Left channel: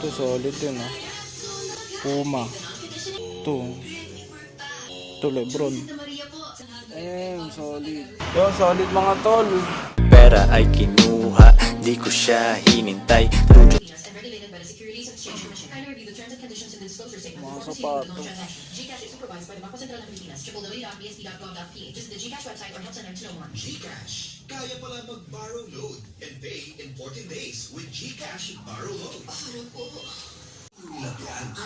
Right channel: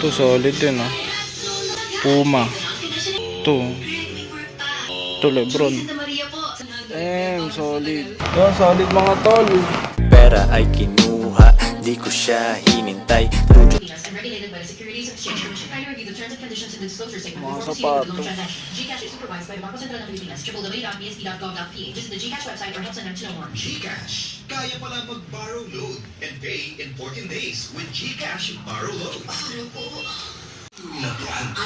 Ito solid din ah. Puma. Ito. Ito Lebron. Damn, solid. Oh, solid mga tol. Pera ay kinuha, di ko siya hinintay statement Mga sapatos. Gcash is supervised by the Bangko Sentral ng Pilipinas. www.bsp.gov.ph. Visit the Gcash website or help center to know more. Gcash. Kaya pala mag-borrow load and pay in 14 days with Gcash Borrow Load.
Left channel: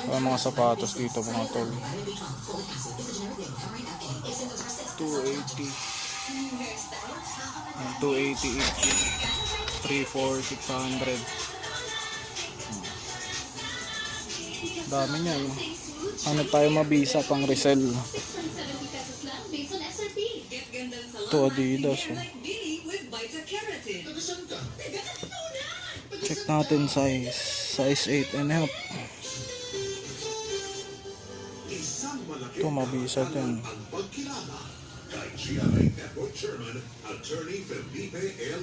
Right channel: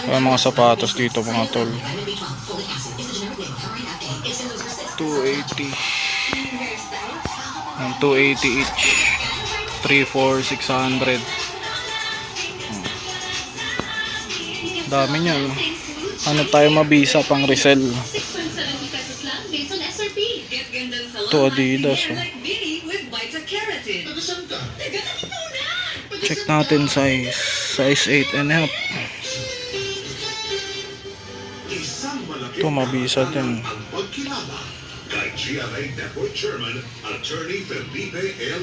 Ay, mga sapatos dito mga tol. 280. Ang 280 each. 3, 4, 600. Hmm. Dami niyan. Ano tayo mabisa pang resell. Ito Adidas. Oh. Check natin size. Size 8 and half. Ito mabisa din.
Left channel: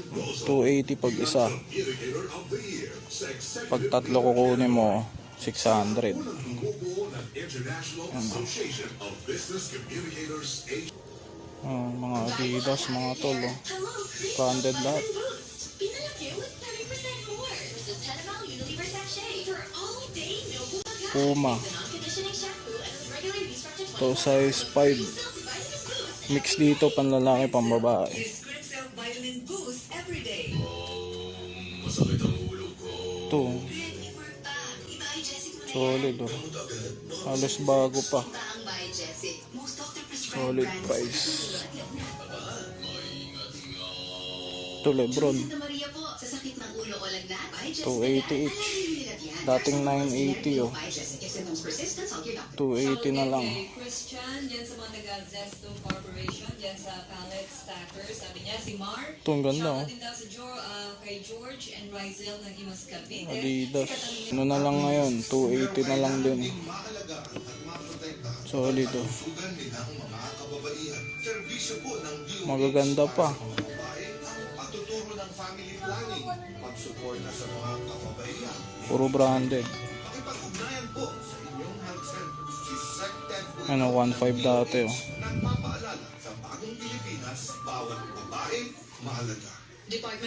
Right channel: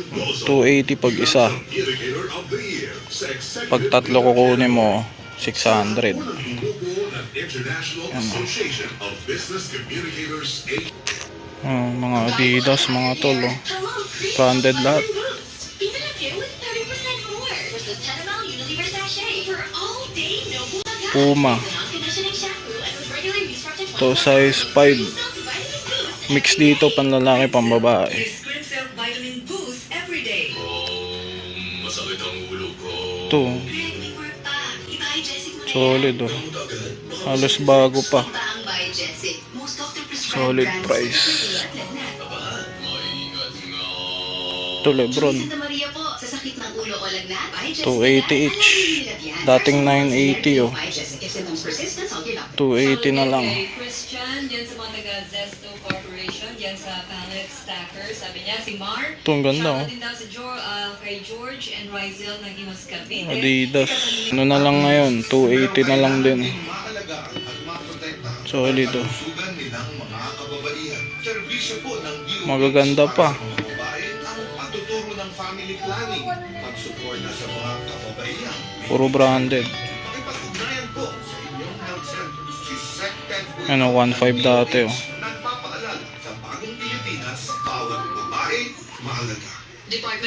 Bozo. 280 pag isa. Pag tatlo kukunin mo, 600. Unang bumubuo ng International Association of Business Communicators A. Oh, mga Adidas, mga tol. Oh. Branded lahat. Puma. To size 5. Mix dito panlalaki pambabae. Ito. Solid oh. Halos bago pa. Solid price. Ito Lebron. 280 each. Dating 980 oh. 280 na lang. Ito ang ganda oh. Ah, kay George and Rizel ng Imas Cavite. Adidas. Ano na lang ngayon? 280 na lang din. Maalagaan at maprotektahan Solid oh. sugan Si Sected Ano, 1.5 dati oh.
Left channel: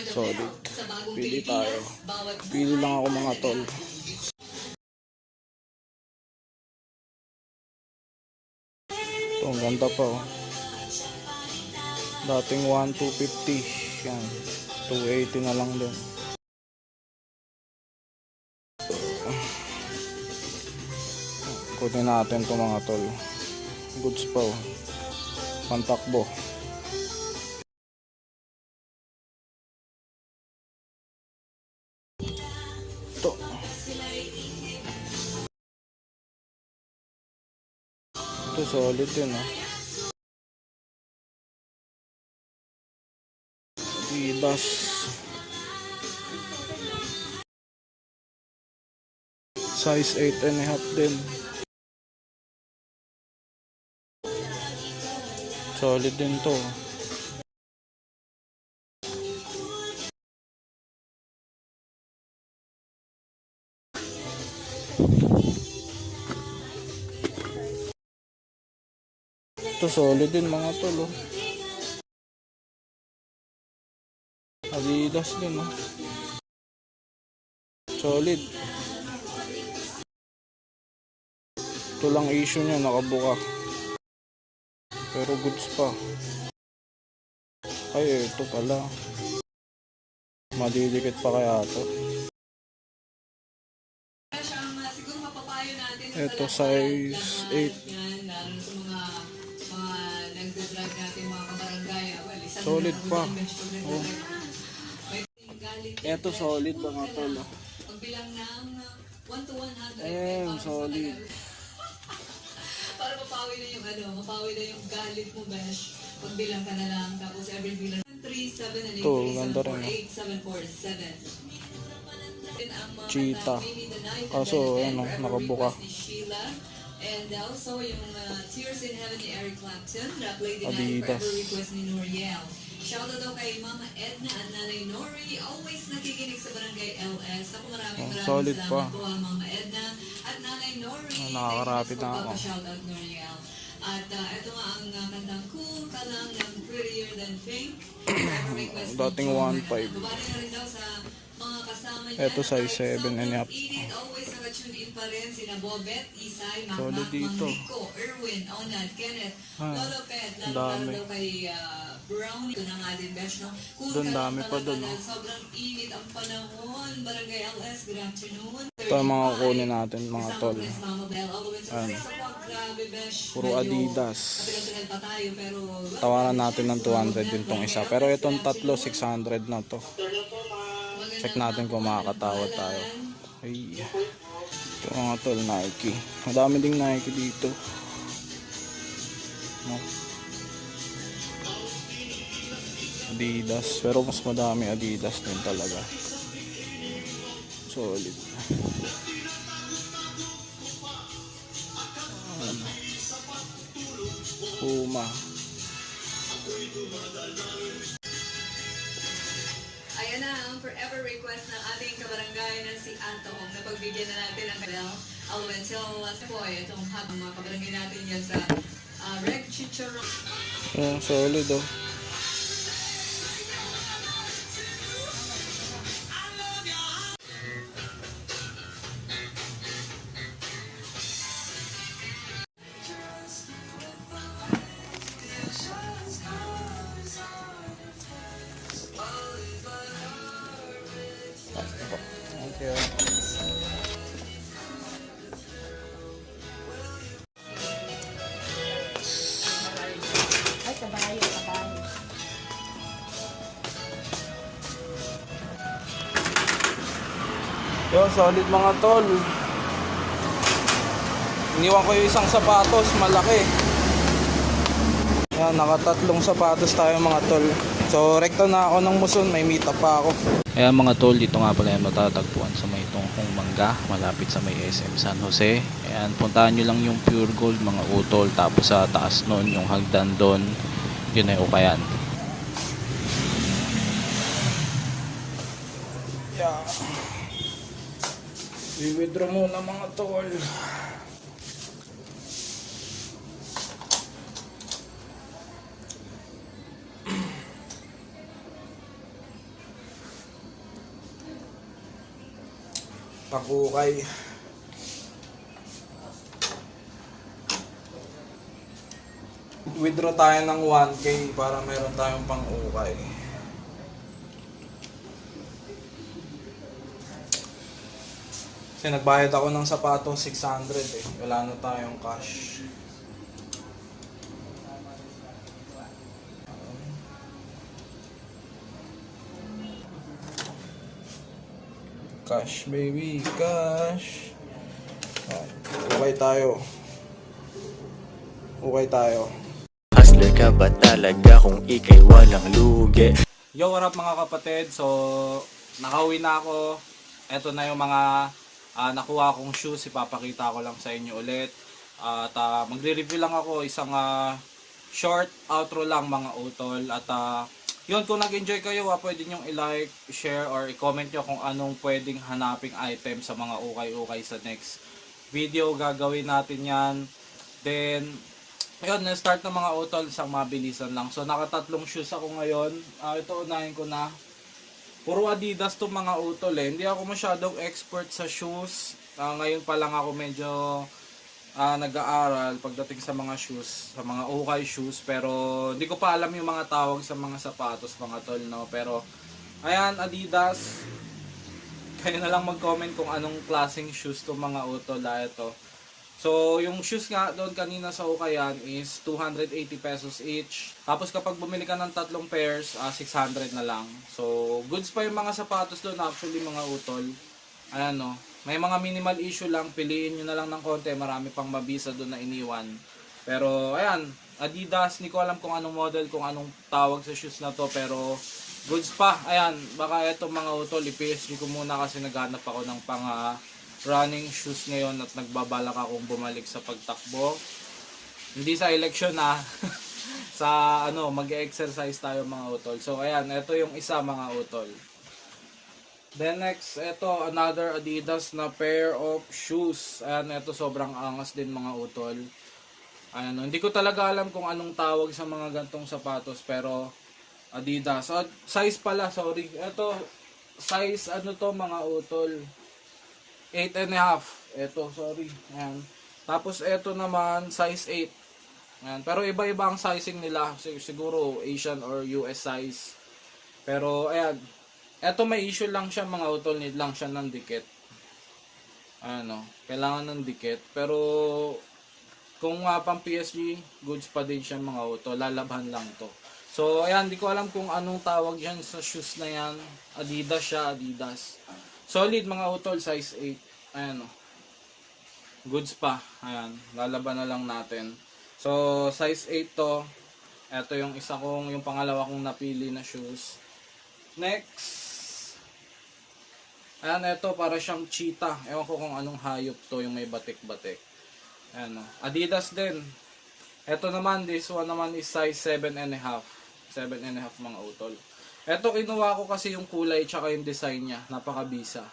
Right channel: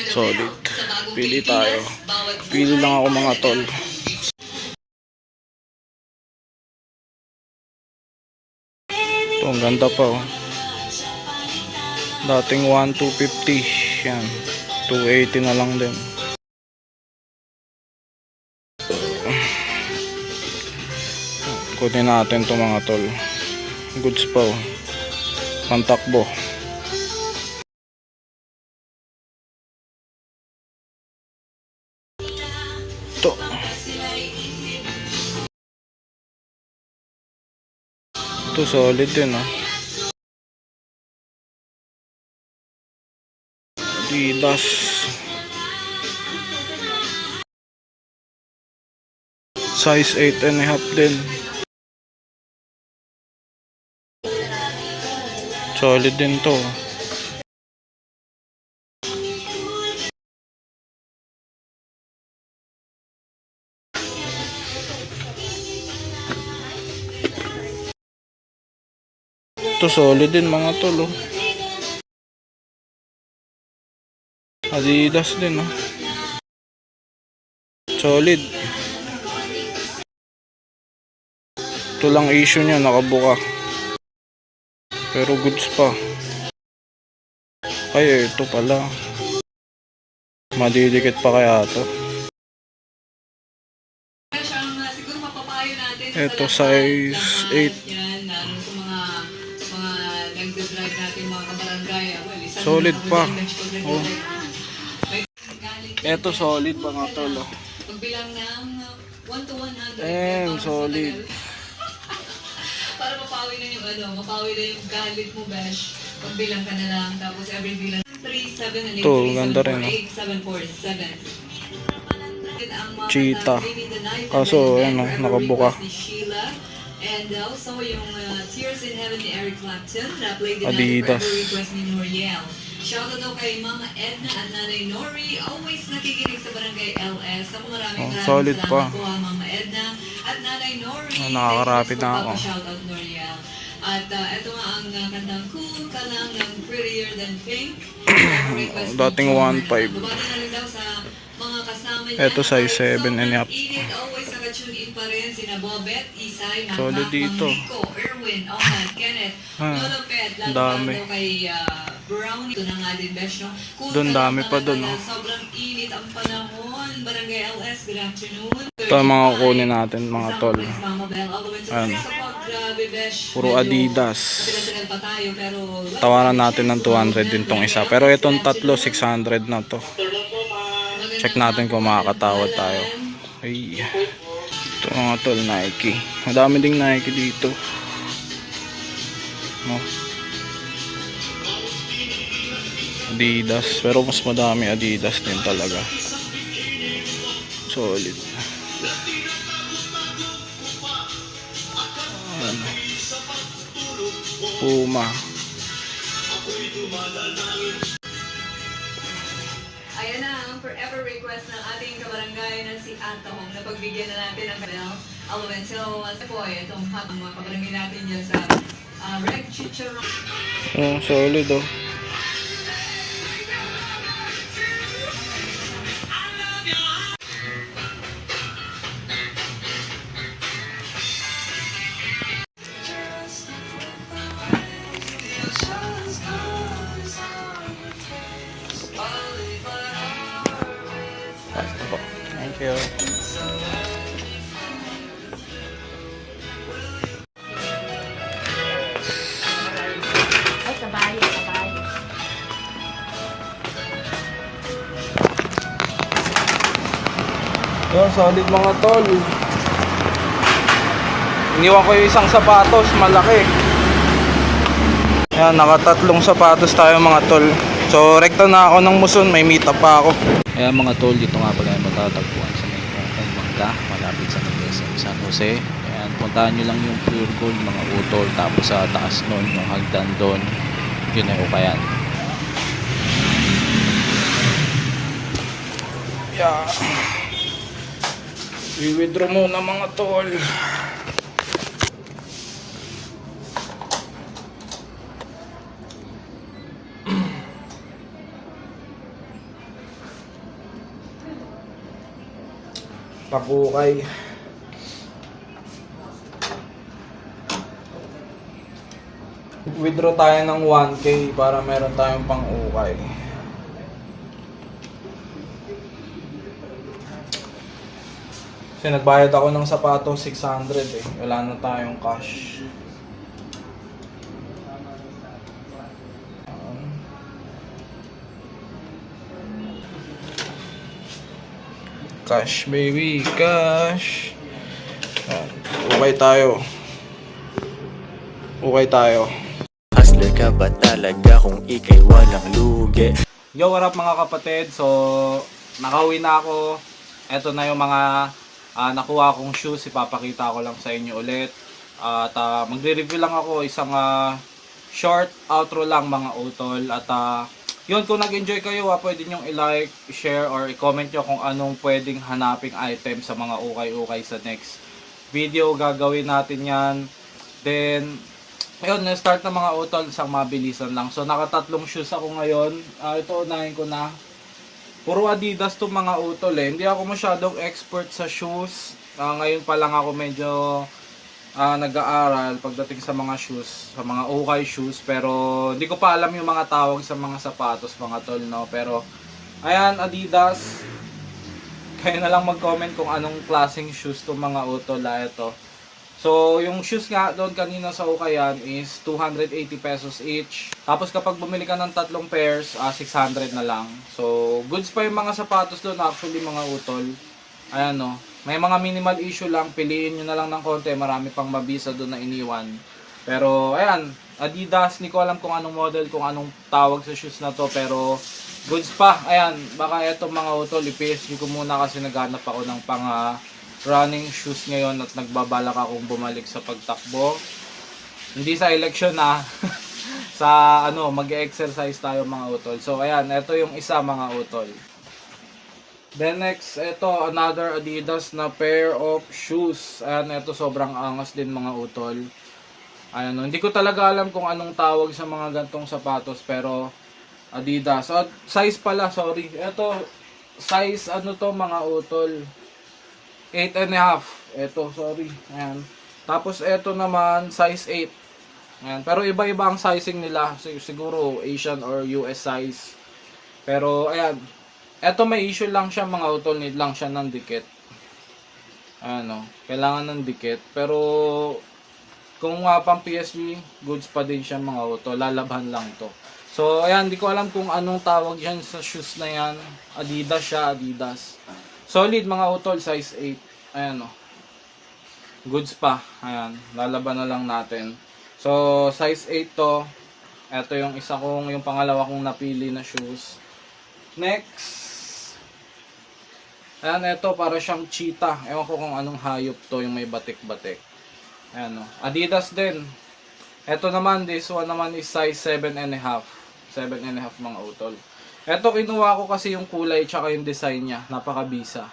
Solid. Pili tayo. Pili lang ako mga tol. Ito, ang ganda pa oh. Dating 1,250. Yan. 280 na lang din. Kunin natin to mga tol. Goods pa oh. Pantakbo. Ito. Ito solid din ah. Adidas. Size 8 and a half din. Solid din to. Ito solid din mga tol oh. Adidas din oh. Solid. Ito lang issue niya nakabuka. Pero goods pa. Ay ito pala. Madidikit pa kaya to. Ito, size ng 8. Yan, lalo sa mga mga nagdadrive natin mga kabarangay. ah, Well, isang Solid pa. Oh. Ito solid mga tol oh. Pagbilang ng 1 to 100. Damn, para sa solid. Mapawi na yung ano, mapawi na yung galit mo, Besh. Pagbilang ka na lang, tapos every bilang 3, 7, and 8, Ito, 3, ganda 7, rin, 4, oh. 8, 7, 4, 7. Ang mga Cheetah. Kaso, then ano, nakabuka. And also yung uh, Tears in Heaven ni Eric Clapton na play din Adidas. Forever Request ni Noriel. Shoutout daw kay Mama Edna at Nanay Nori. Always nakikinig sa Barangay LS. Ako maraming Oh, maraming solid salamat pa. po ha, Mama Happy nakakarapid na ako. Shoutout Noriel. At uh, ito nga ang uh, kantang Cool Ka Lang ng Prettier Than Pink. Dating John 1.5. Bernal. Bumati na rin daw sa mga kasama niya. Ito size Kahit 7 and a half. Init, always nakatune in pa rin sina Bobet, Isay, Mama, Solid dito. Mang Nico, Erwin, Oman, Kenneth, Ah, Lolo Pet, dami. kay uh, Brown. Ito na nga din, Besh, no? Cool Doon dami pa doon, oh. Sobrang init ang panahon. Barangay LS, good afternoon. Ito ang mga kukunin natin mga tol. Ayan. Puro Adidas. Tawaran natin ng 200 din tong isa. Pero itong tatlo, 600 na to. Check natin kung makakatawad tayo. Ito mga tol, Nike. Madami ding Nike dito. No? Adidas. Pero mas madami Adidas din talaga. Solid. Puma. Forever request ng ating kabarangay na si Atong na pagbigyan na natin ng kanal. Alwen, so, uh, po, itong habang mga kabarangay natin dyan sa uh, Rec Chicharon. Oh, solid oh. You. Ay, kabayo, kabayo. Oh, solid mga tol. Iniwan ko yung isang sapatos, malaki. Ayan, nakatatlong sapatos tayo mga tol. So, rekta na ako ng muson, may meet up pa ako. Ayan mga tol, dito nga pala yung matatagpuan sa may tungkong mangga, malapit sa may SM San Jose. Ayan, puntahan nyo lang yung Pure Gold, mga utol, tapos sa taas nun, yung hagdan doon, yun ay ukayan. Yeah. I-withdraw muna mga tol. Pakukay. Withdraw tayo ng 1k para meron tayong pang-ukay. Kasi nagbayad ako ng sapatos 600 eh. Wala na tayong cash. Cash baby, cash. Ukay tayo. Ukay tayo. Hustler ka ba talaga kung ikay walang lugi? Yo, what up mga kapatid? So, nakauwi na ako. Ito na yung mga ah, nakuha kong shoes. Ipapakita ko lang sa inyo ulit. At ah, magre-review lang ako isang ah, short outro lang mga utol. At ah, yun, kung nag-enjoy kayo, ah, pwede nyong i-like, share, or i-comment nyo kung anong pwedeng hanaping item sa mga ukay-ukay sa next video. Gagawin natin yan. Then, Ayun, na-start na mga utol sa mabilisan lang. So, nakatatlong shoes ako ngayon. Ah, ito, unahin ko na. Puro Adidas to mga utol eh. Hindi ako masyadong expert sa shoes. Ah, ngayon pa lang ako medyo ah, nag-aaral pagdating sa mga shoes, sa mga ukay shoes. Pero, hindi ko pa alam yung mga tawag sa mga sapatos, mga tol, no? Pero, ayan, Adidas. Kayo na lang mag-comment kung anong klaseng shoes to mga utol. Ah, ito. So, yung shoes nga doon kanina sa Ukayan is 280 pesos each. Tapos kapag bumili ka ng tatlong pairs, ah, 600 na lang. So, goods pa yung mga sapatos doon actually mga utol. Ayan no. May mga minimal issue lang, piliin nyo na lang ng konti, marami pang mabisa doon na iniwan. Pero, ayan, Adidas, hindi ko alam kung anong model, kung anong tawag sa shoes na to, pero goods pa. Ayan, baka eto mga utol, i-PSG ko muna kasi naghanap ako ng pang ah, running shoes ngayon at nagbabalak akong bumalik sa pagtakbo. Hindi sa election na sa ano, mag-exercise tayo mga utol. So ayan, ito yung isa mga utol. Then next, ito another Adidas na pair of shoes. Ayan, ito sobrang angas din mga utol. Ayan, hindi ko talaga alam kung anong tawag sa mga gantong sapatos pero Adidas. At size pala, sorry. Ito, size ano to mga utol. 8 and a half. Ito, sorry. Ayan. Tapos ito naman, size 8. Ayan. Pero iba-iba ang sizing nila. Sig- Siguro Asian or US size. Pero ayan. Ito may issue lang siya mga utol. Need lang siya ng dikit. Ano, kailangan ng dikit. Pero kung uh, pang PSG, goods pa din siya mga utol. Lalaban lang to. So, ayan, di ko alam kung anong tawag yan sa shoes na yan. Adidas siya, Adidas. Solid mga utol, size 8. Ayan o. Goods pa. Ayan, lalaban na lang natin. So, size 8 to. Ito yung isa kong, yung pangalawa kong napili na shoes. Next. Ayan, ito para siyang cheetah. Ewan ko kung anong hayop to, yung may batik-batik. Ayan o. Adidas din. Ito naman, this one naman is size 7 and a half. 7 and a half mga utol. Ito kinuha ko kasi yung kulay tsaka yung design niya. Napakabisa.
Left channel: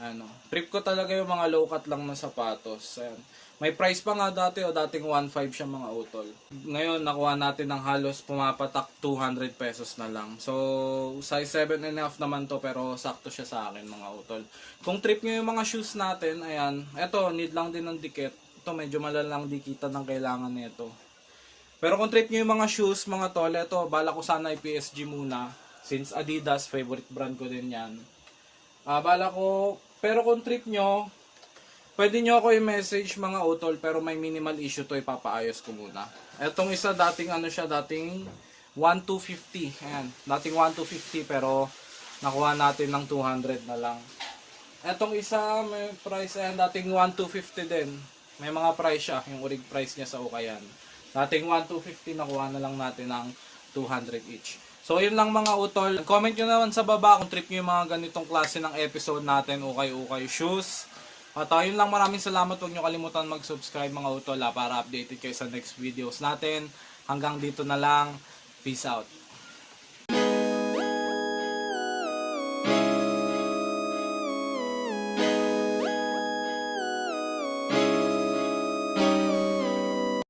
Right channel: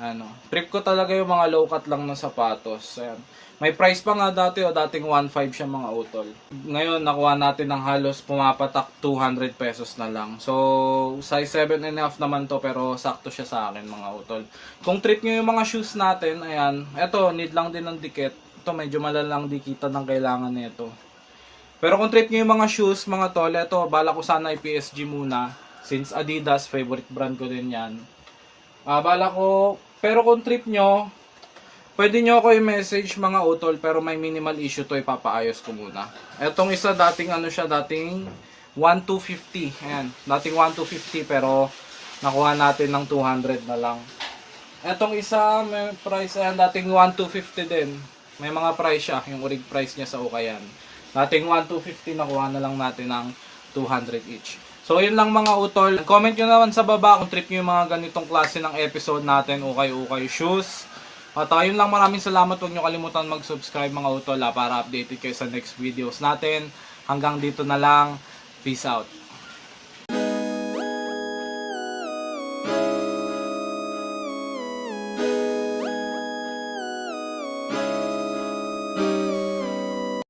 Ano, trip ko talaga yung mga low cut lang na sapatos. Ayan. May price pa nga dati o dating 1.5 siya mga utol. Ngayon nakuha natin ng halos pumapatak 200 pesos na lang. So size 7 and a half naman to pero sakto siya sa akin mga utol. Kung trip nyo yung mga shoes natin, ayan, eto need lang din ng dikit. Ito medyo malalang dikitan ng kailangan nito. Pero kung trip nyo yung mga shoes, mga tol, eto, bala ko sana i-PSG muna. Since Adidas, favorite brand ko din yan. Ah, bala ko, pero kung trip nyo, pwede nyo ako i-message mga utol, pero may minimal issue to, ipapaayos ko muna. Etong isa, dating ano siya, dating 1250. Ayan, dating 1250, pero nakuha natin ng 200 na lang. Etong isa, may price, ayan, dating 1250 din. May mga price siya, yung urig price niya sa Ukayan. Dating 1250, nakuha na lang natin ng 200 each. So, yun lang mga utol. Comment nyo naman sa baba kung trip nyo yung mga ganitong klase ng episode natin, ukay-ukay shoes. At uh, yun lang, maraming salamat. Huwag nyo kalimutan mag-subscribe mga utol ah, para updated kayo sa next videos natin. Hanggang dito na lang. Peace out.